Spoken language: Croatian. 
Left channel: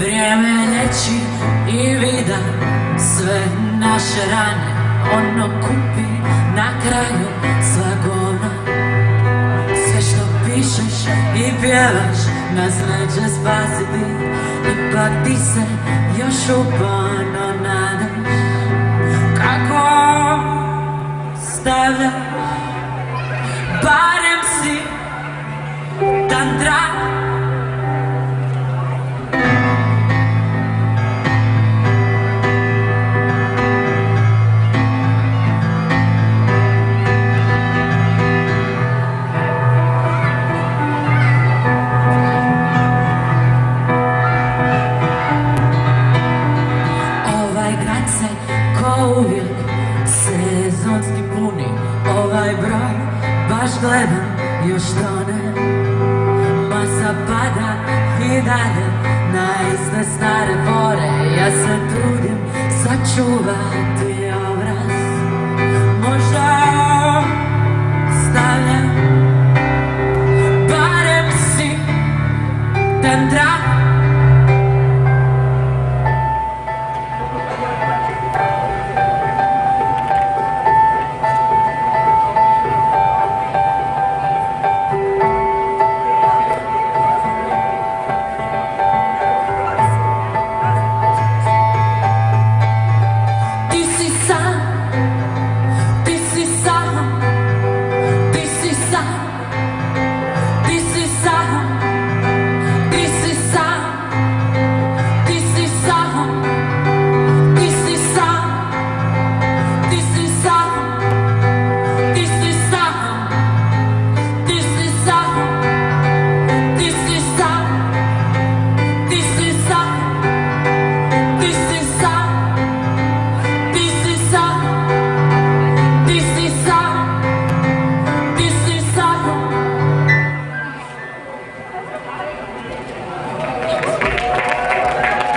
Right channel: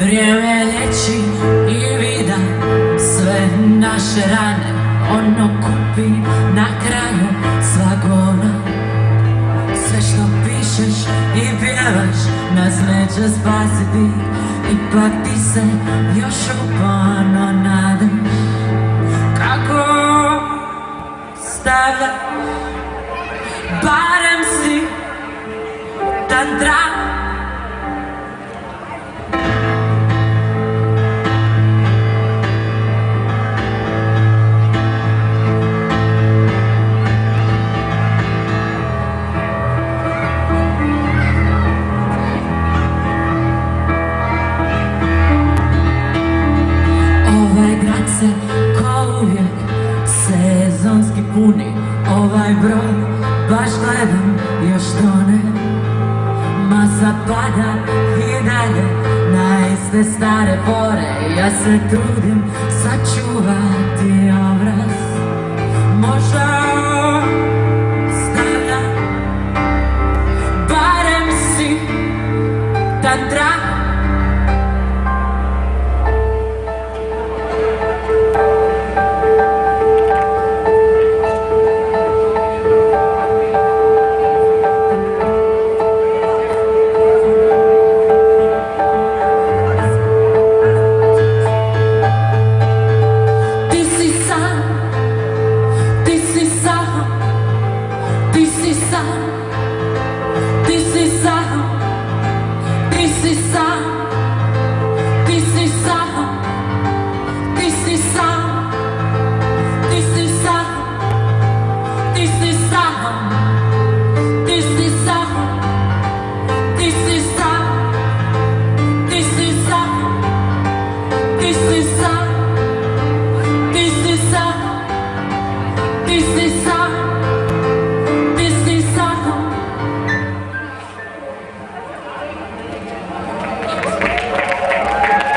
Vrijeme lječi i vida sve naše rane, ono kupi na kraju sva govna. Sve što pišeš i pjevaš nas neće spasiti, ipak ti se još uporno nadaš. Kako stavlja, barem si tantra. Se ko uvijek sezonski puni, ovaj broj baš gledam još tone. Masa pada i dalje na iste stare fore, ja se trudim sačuvati obraz. Možda stavljam, barem si tantra.